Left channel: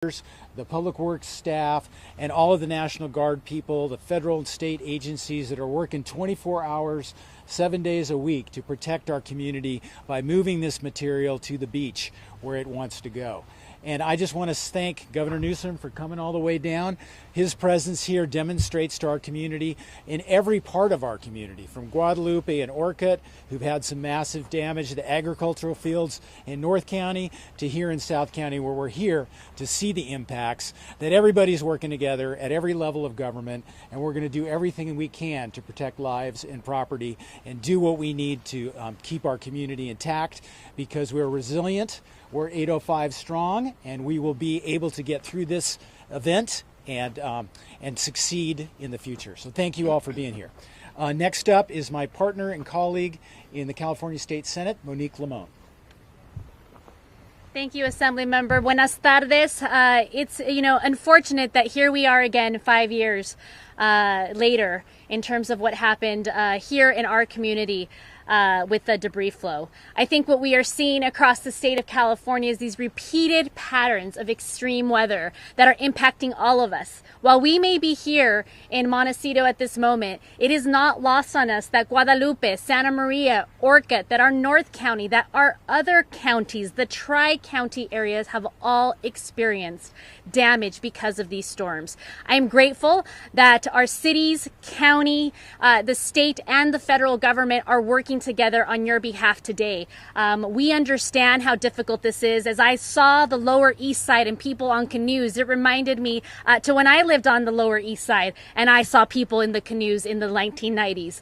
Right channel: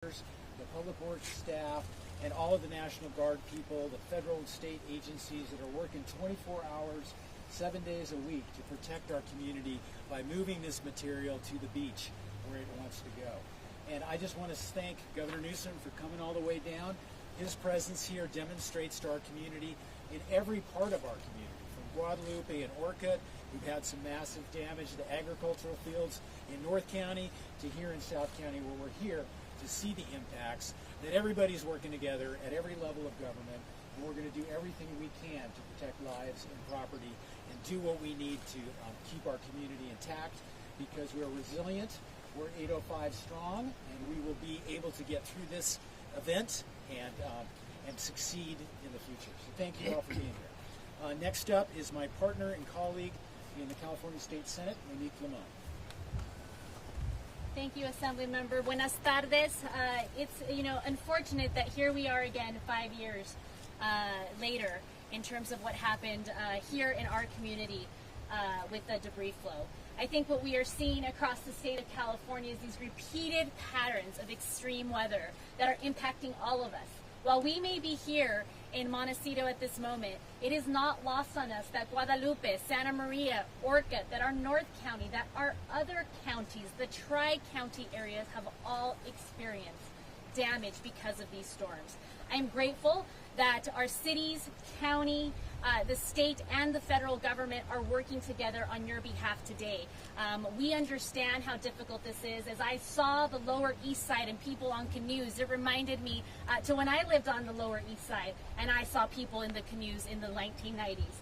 the public works staff, and all of the National Guard people, the federal and state agencies that are working 24 hours, 7 days a week to protect our community by moving this material to the beach where it wants to go. And I just want to thank Governor Newsom for coming all the way down. His presence here demonstrates to our community in every part of our community, from Guadalupe and Orcutt, who've had some massive damage to the agricultural fields in North County, to here in South County, where we're here to see the impacts, that everybody's working together at every level of government, and we're going to do everything we can to protect lives and property and do what we need to keep our community intact, because we're resilient. We're 805 strong, and we will be able to get through this event and succeed in the future. So thank you all for being here. Next up is my partner and colleague in the California State Senate, Monique Limon. Thank you, Assembly Member. Buenas tardes. It's unfortunate that here we are again 5 years later in terms of what happened here in our community. With the debris flow. I think what we are seeing across the state of California is these repeated patterns of extreme weather that are impacting all of us. While we may be here in Montecito at this moment, it is not lost on us that Guadalupe, Santa Maria, Orcutt, that our North County, that our other counties, the tri-county areas have all experienced damage because of these storms. I am grateful that our cities, county, the state, and the federal government are working together on your behalf today. We understand how difficult this is. As I saw the Lower East Side and people on canoes, it reminded me to when I lived on the Lower East Side and I saw people in the canoes in the 1990s.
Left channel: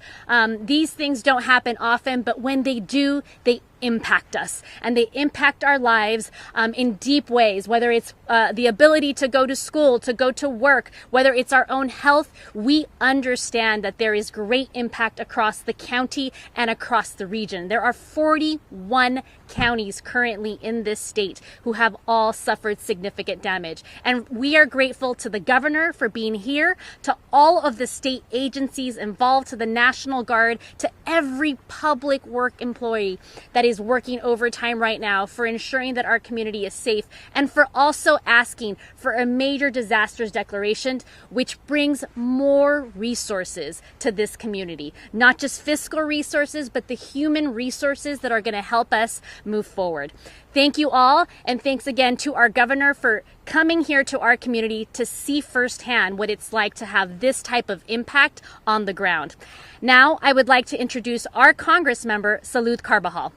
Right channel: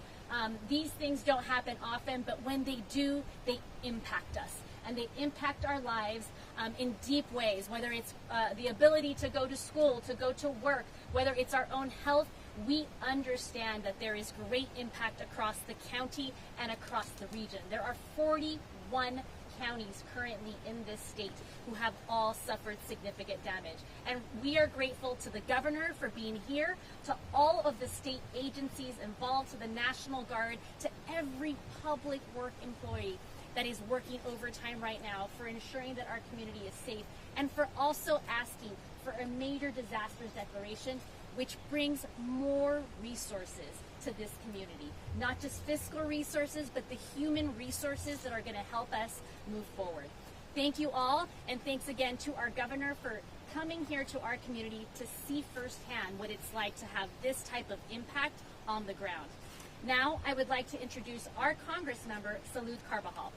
These things don't happen often, but when they do, they impact us, and they impact our lives in deep ways, whether it's the ability to go to school, to go to work, whether it's our own health. We understand that there is great impact across the county and across the region. There are 41 counties currently in this state who have all suffered significant damage. And we are grateful to the governor for being here, to all of the state agencies involved, to the National Guard, to every public work employee that is working overtime right now for ensuring that our community is safe, and for also asking for a major disasters declaration, which brings more resources to this community. Not just fiscal resources, but the human resources that are going to help us move forward. Thank you all, and thanks again to our governor for coming here to our community to see firsthand what it's like to have this type of impact on the ground. Now, I would like to introduce our Congress member, Salud Carbajal.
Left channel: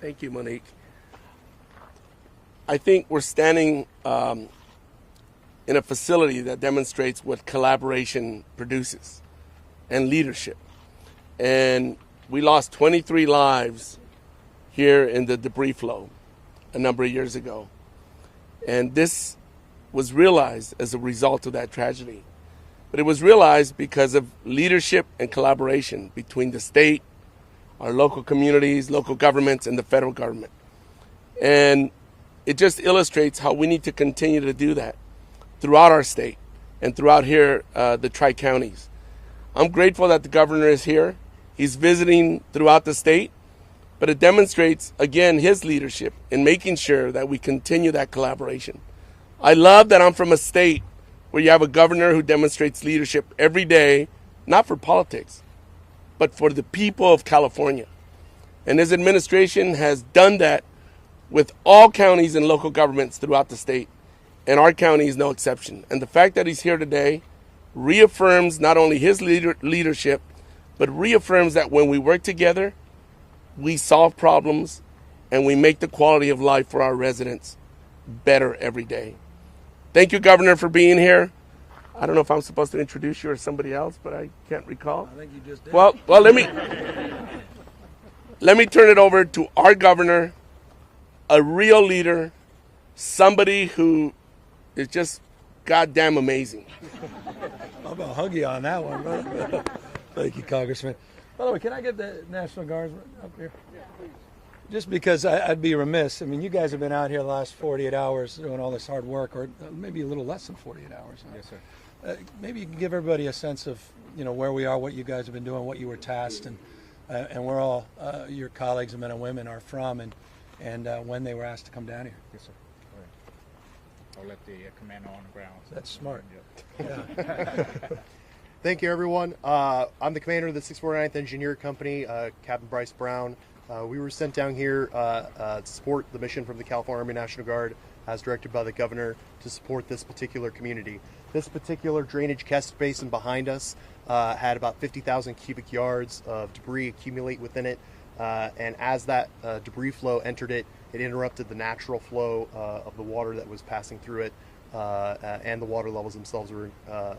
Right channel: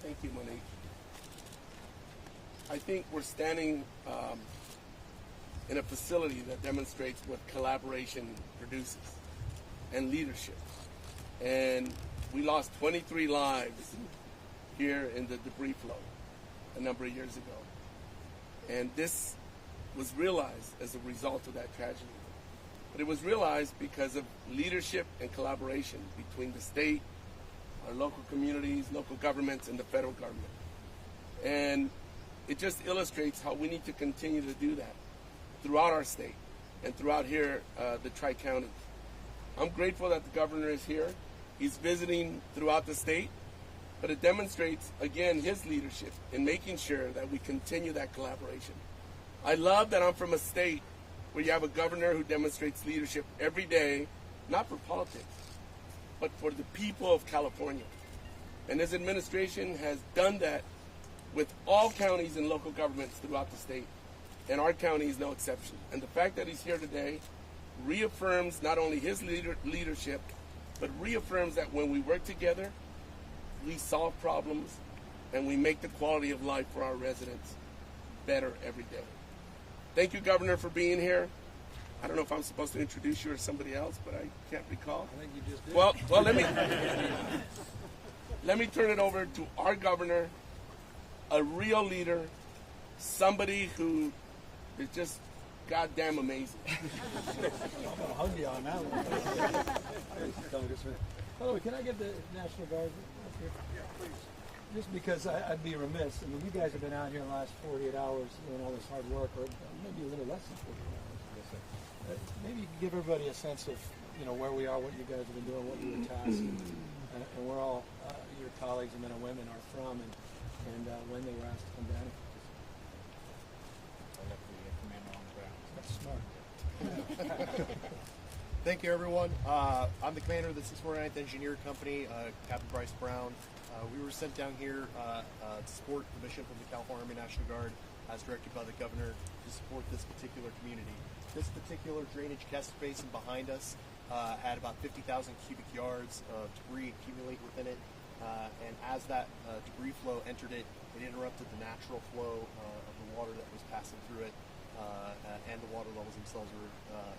Thank you, Monique. I think we're standing in a facility that demonstrates what collaboration produces and leadership. And we lost 23 lives here in the debris flow a number of years ago. And this was realized as a result of that tragedy. But it was realized because of leadership and collaboration between the state, our local communities, local governments, and the federal government. And it just illustrates how we need to continue to do that throughout our state and throughout here, the tri-counties. I'm grateful that the governor is here. He's visiting throughout the state, but it demonstrates, again, his leadership in making sure that we continue that collaboration. I love that I'm from a state where you have a governor who demonstrates leadership every day, not for politics, but for the people of California. And his administration has done that with all counties and local governments throughout the state, and our county is no exception. And the fact that he's here today reaffirms not only his leadership, but reaffirms that when we work together, we solve problems and we make the quality of life for our residents better every day. Thank you, Governor, for being here. I don't know if I'm supposed to introduce you or somebody else, but I can't recall. I think you just did. Well, let me turn it over to our governor, a real leader, somebody who is just goddamn amazing. I'm going to hug you on that one. Bro. Thank you, Congressman. By the way, can I get the National Guard up here? Yeah, please. Just because I'd be remiss. I mean, you guys have been out here the last 48 hours doing all this hard work, or maybe a little less than 48 hours. Yes, sir. Maybe you can give everybody a sense of, where we are, what you guys have been doing, what you were tasked, and where all your colleagues and men and women are from, and when they were asked to come down here. Yes, sir. That's smart. Thank you, everyone. I'm the commander of the 649th Engineer Company, Captain Bryce Brown. We were sent down here to support the mission from the California Army National Guard, as directed by the governor, to support this particular community. This particular drainage catch basin behind us had about 50,000 cubic yards of debris accumulate within it, and as that debris flow entered it, it interrupted the natural flow of the water that was passing through it, and the water levels themselves were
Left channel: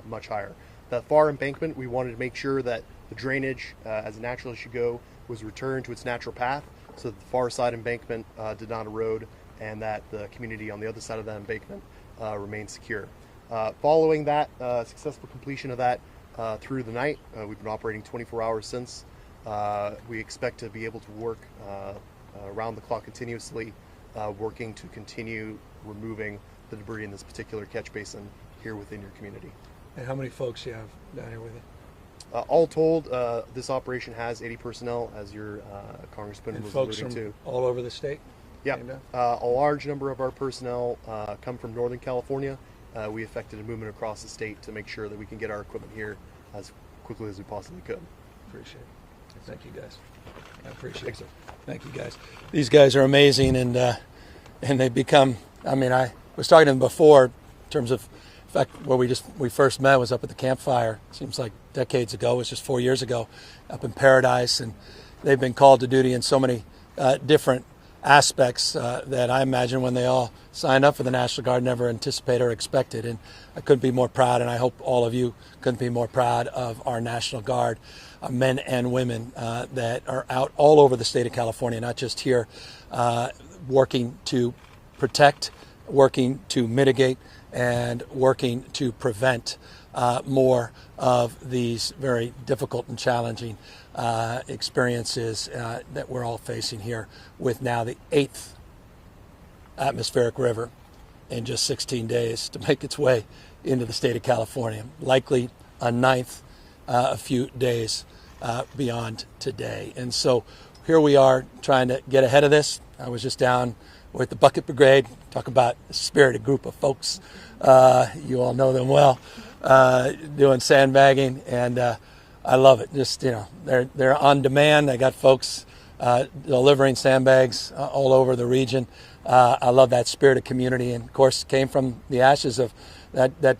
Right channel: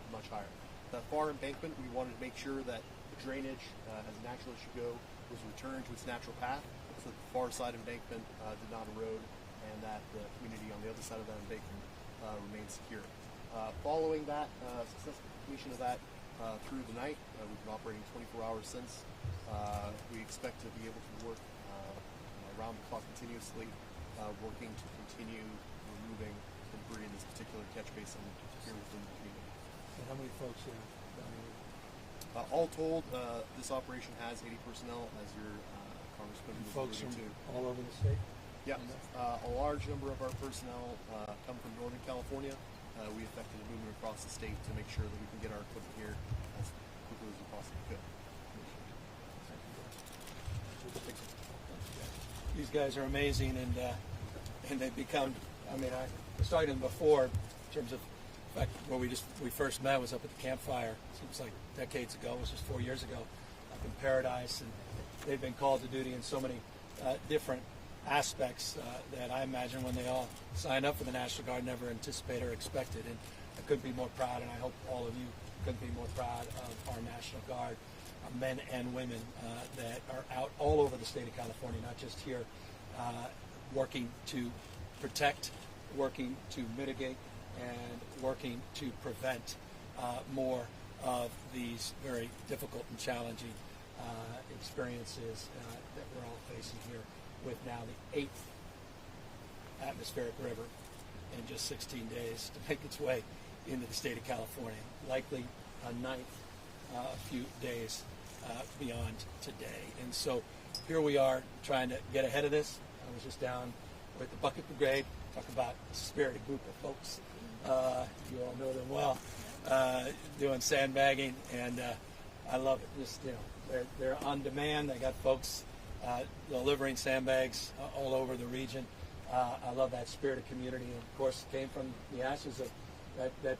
much higher. The far embankment, we wanted to make sure that the drainage, as natural as should go, was returned to its natural path, so that the far side embankment did not erode, and that the community on the other side of that embankment remained secure. Following that successful completion of that through the night, we've been operating 24 hours since. We expect to be able to work around the clock continuously, working to continue removing the debris in this particular catch basin here within your community. And how many folks you have down here with you? All told, this operation has 80 personnel, as your congressman And was folks alluding from to. all over the state? Yeah, a large number of our personnel come from Northern California. We effected a movement across the state to make sure that we can get our equipment here as quickly as we possibly could. Appreciate it. Thank you, guys. I appreciate it. Thank you, guys. These guys are amazing, and they've become. I mean, I was talking to them before, in terms of, in fact, where we first met was up at the campfire. Seems like decades ago. It was just 4 years ago, up in Paradise, and they've been called to duty in so many different aspects that I imagine when they all signed up for the National Guard never anticipated or expected. And I couldn't be more proud, and I hope all of you couldn't be more proud of our National Guard, men and women that are out all over the state of California, not just here, working to protect, working to mitigate, and working to prevent more of these very difficult and challenging experiences that we're all facing here, with now the 8th atmospheric river in just 16 days to make its way into the state of California, likely a 9th a few days beyond today. And so here we are trying to get ahead of this. I was just down with the Bucket Brigade, talk about a spirited group of folks. You all know them well, doing sandbagging, and I love it. Just, you know, they're on demand. They got folks delivering sandbags all over the region. I love that spirit of community, and of course came from the ashes of that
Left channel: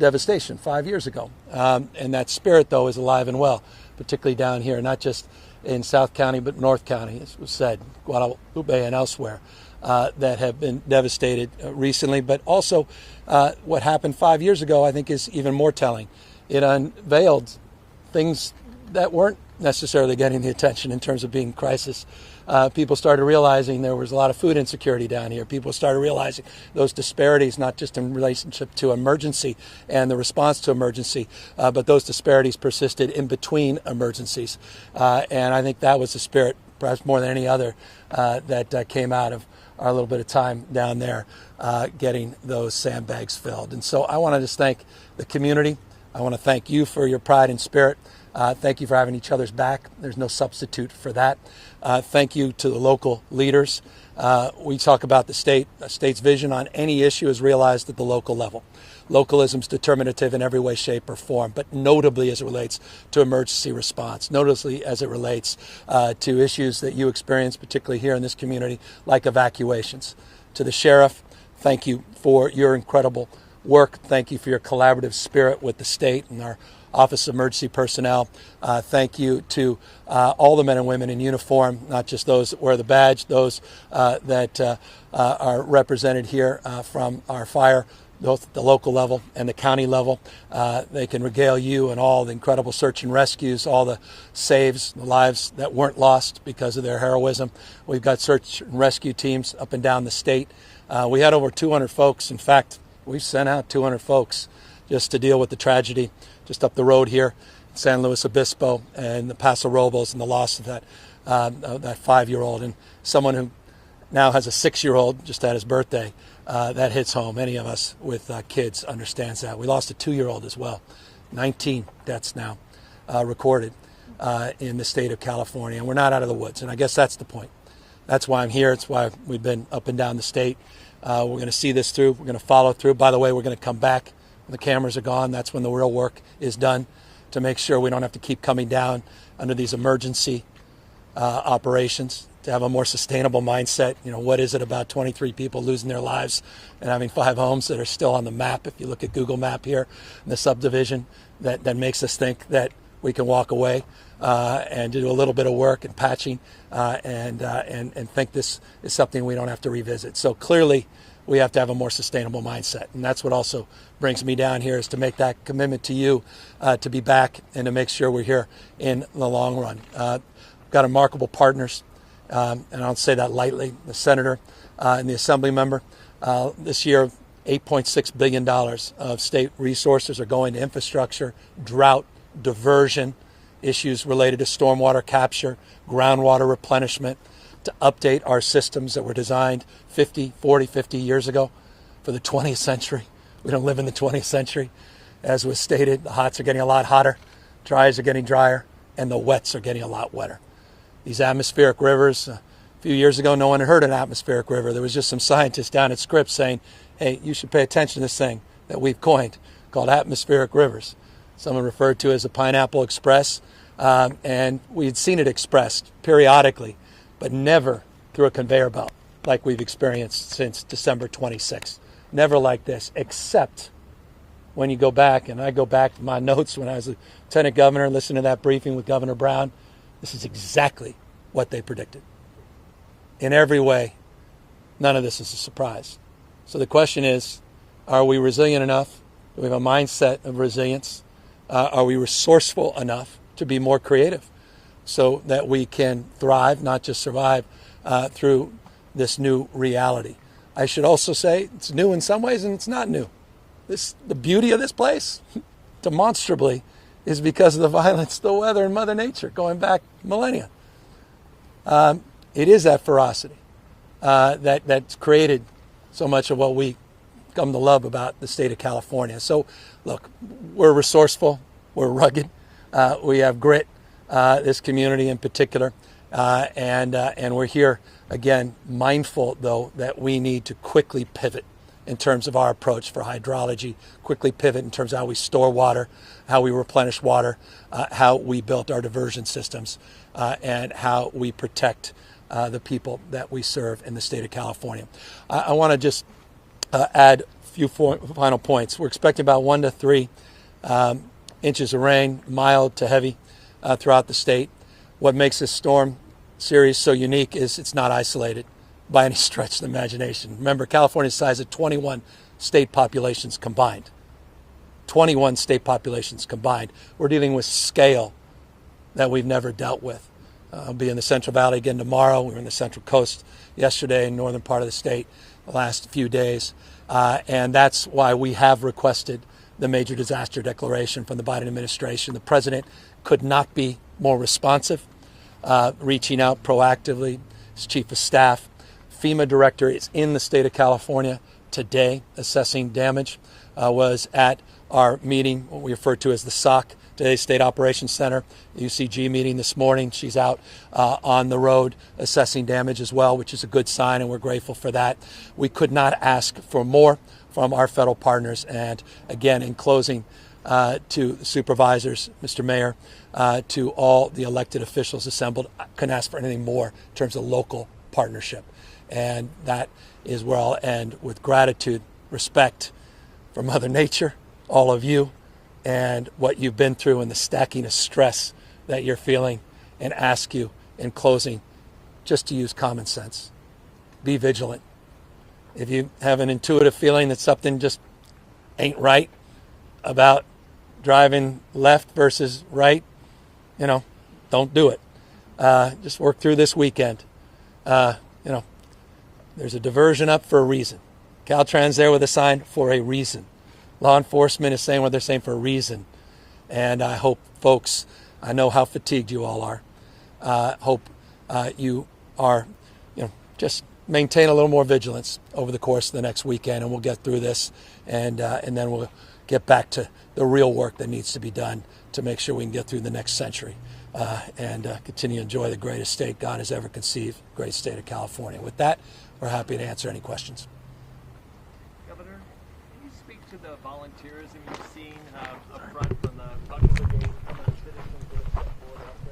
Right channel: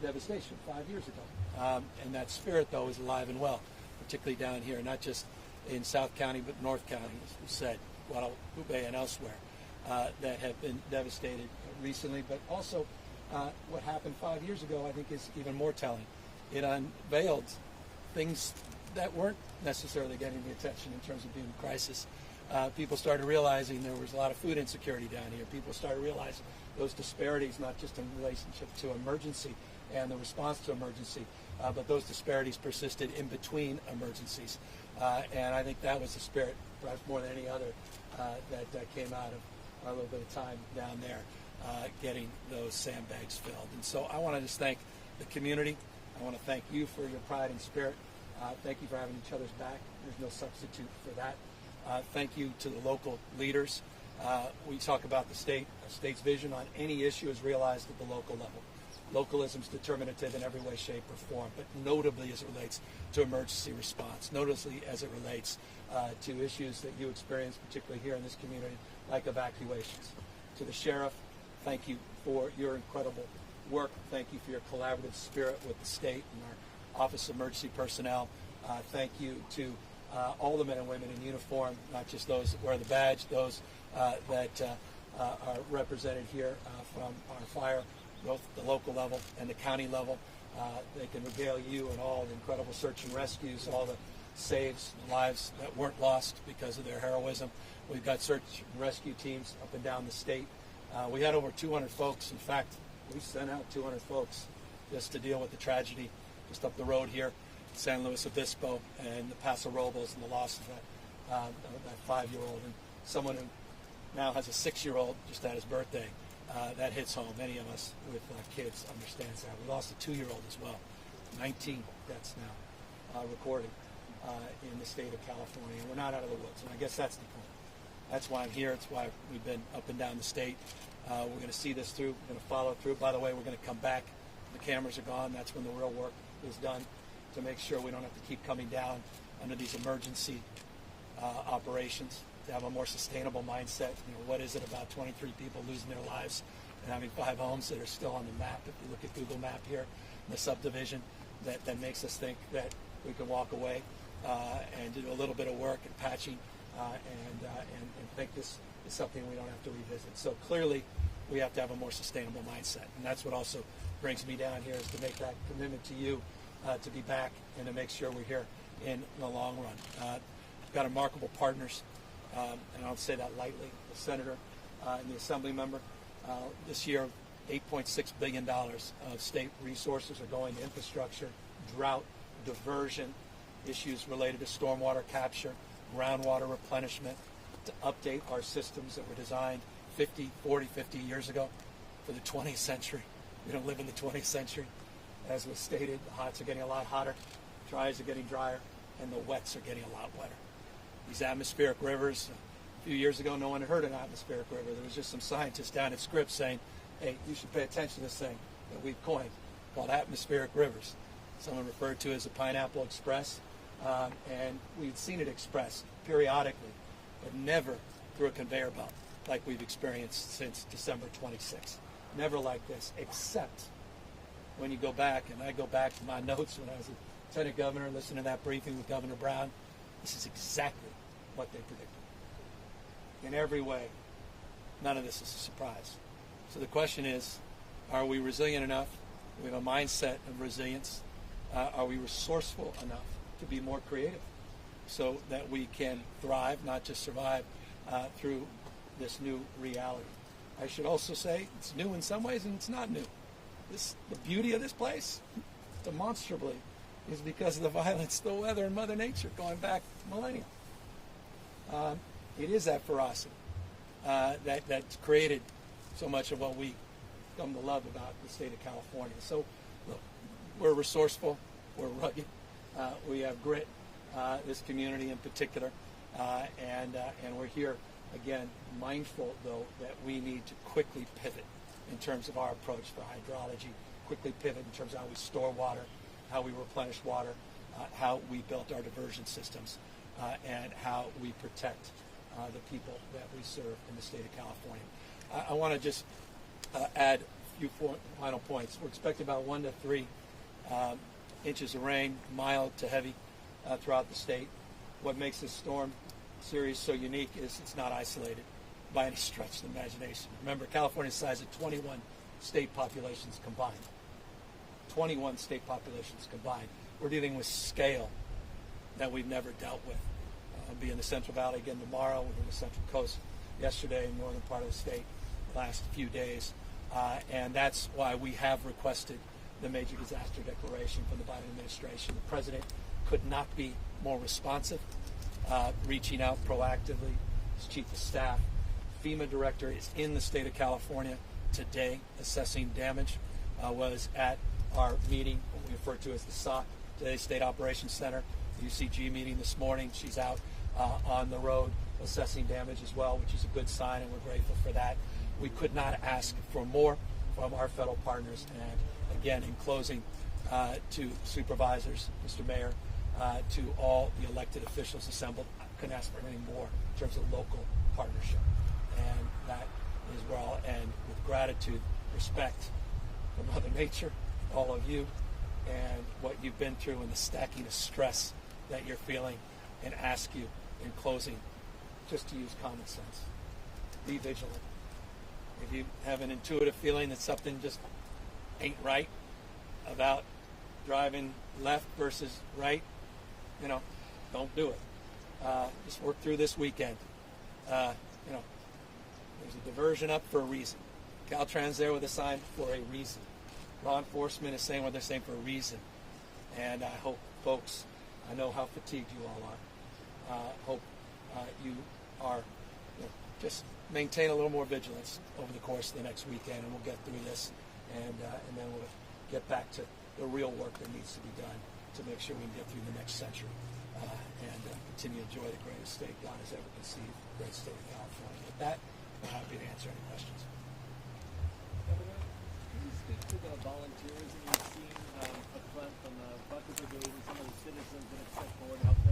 devastation 5 years ago. And that spirit, though, is alive and well, particularly down here, not just in South County, but North County, as was said, Guadalupe and elsewhere, that have been devastated recently. But also what happened 5 years ago, I think, is even more telling. It unveiled things that weren't necessarily getting the attention in terms of being crisis. People started realizing there was a lot of food insecurity down here. People started realizing those disparities, not just in relationship to emergency and the response to emergency, but those disparities persisted in between emergencies. And I think that was the spirit, perhaps more than any other, that came out of our little bit of time down there getting those sandbags filled. And so I want to just thank the community. I want to thank you for your pride and spirit. Thank you for having each other's back. There's no substitute for that. Thank you to the local leaders. We talk about the state's vision on any issue is realized at the local level. Localism is determinative in every way, shape, or form, but notably as it relates to emergency response, notably as it relates to issues that you experience, particularly here in this community, like evacuations. To the sheriff, thank you for your incredible work. Thank you for your collaborative spirit with the state and our Office of Emergency Personnel. Thank you to all the men and women in uniform, not just those that wear the badge, those that are represented here from our fire, both the local level and the county level. They can regale you and all the incredible search and rescues, all the saves, the lives that weren't lost because of their heroism. We've got search and rescue teams up and down the state. We had over 200 folks. In fact, we sent out 200 folks just to deal with the tragedy just up the road here, San Luis Obispo and the Paso Robles, and the loss of that 5-year-old, and someone who now has a 6-year-old, just had his birthday. That hits home. Any of us with kids understands that. We lost a 2-year-old as well. 19 deaths now recorded in the state of California, and we're not out of the woods. And I guess that's the point. That's why I'm here. It's why we've been up and down the state. We're going to see this through. We're going to follow through. By the way, we're going to come back When the cameras are gone, that's when the real work is done to make sure we don't have to keep coming down under these emergency operations, to have a more sustainable mindset. What is it about 23 people losing their lives and having 5 homes that are still on the map, if you look at Google Map here in the subdivision, that makes us think that we can walk away and do a little bit of work and patching and think this is something we don't have to revisit. So clearly we have to have a more sustainable mindset. And that's what also brings me down here, is to make that commitment to you to be back and to make sure we're here in the long run. We've got remarkable partners, and I don't say that lightly. The senator and the assembly member. This year, $8.6 billion of state resources are going to infrastructure, drought, diversion, issues related to stormwater capture, groundwater replenishment, to update our systems that were designed 50 years ago for the 20th century. We don't live in the 20th century. As was stated, the hots are getting a lot hotter, dries are getting drier, and the wets are getting a lot wetter. These atmospheric rivers, a few years ago, no one had heard of an atmospheric river. There was just some scientists down at Scripps saying, hey, you should pay attention to this thing that we've coined called atmospheric rivers. Someone referred to it as a Pineapple Express, and we had seen it expressed periodically, but never through a conveyor belt like we've experienced since December 26th. Never like this, except when you go back, and I go back to my notes when I was lieutenant governor, listening to that briefing with Governor Brown. This is exactly what they predicted. In every way, none of this is a surprise. So the question is, are we resilient enough? Do we have a mindset of resilience? Are we resourceful enough to be more creative so that we can thrive, not just survive, through this new reality? I should also say it's new in some ways and it's not new. The beauty of this place, demonstrably, is because of the violence, the weather, and Mother Nature going back millennia. It is that ferocity that's created so much of what we come to love about the state of California. So, look, we're resourceful, we're rugged, we have grit, this community in particular, and we're here, again, mindful, though, that we need to quickly pivot in terms of our approach for hydrology, quickly pivot in terms of how we store water, how we replenish water, how we built our diversion systems, and how we protect the people that we serve in the state of California. I want to just add a few final points. We're expecting about 1 to 3 inches of rain, mild to heavy, throughout the state. What makes this storm series so unique is it's not isolated by any stretch of the imagination. Remember, California's size of 21 state populations combined. 21 state populations combined. We're dealing with scale that we've never dealt with. I'll be in the Central Valley again tomorrow. We were in the Central Coast yesterday, in the northern part of the state, the last few days. And that's why we have requested the major disaster declaration from the Biden administration. The president could not be more responsive, reaching out proactively. His chief of staff, FEMA director, is in the state of California today assessing damage, was at our meeting, what we refer to as the SOC, today's State Operations Center, the UCG meeting this morning. She's out on the road assessing damage as well, which is a good sign, and we're grateful for that. We could not ask for more from our federal partners. And again, in closing, to supervisors, Mr. Mayor, to all the elected officials assembled, I couldn't ask for anything more in terms of local partnership. And that is where I'll end, with gratitude, respect for Mother Nature, all of you, and what you've been through and the stacking of stress that you're feeling, and ask you in closing just to use common sense. Be vigilant. If you have an intuitive feeling that something just ain't right about driving left versus right, don't do it. Just work through this weekend. There's a diversion up for a reason. Caltrans there with a sign for a reason. Law enforcement is saying what they're saying for a reason. And I hope, folks, I know how fatigued you all are. Hope you are, just maintain a little more vigilance over the course of the next weekend, and we'll get through this, and then we'll get back to the real work that needs to be done to make sure we can get through the next century and continue to enjoy the greatest state God has ever conceived, great state of California. With that, we're happy to answer any questions. Governor, can you speak to the volunteerism you've seen up front from the Bucket Brigade and some of the citizens that have stepped forward?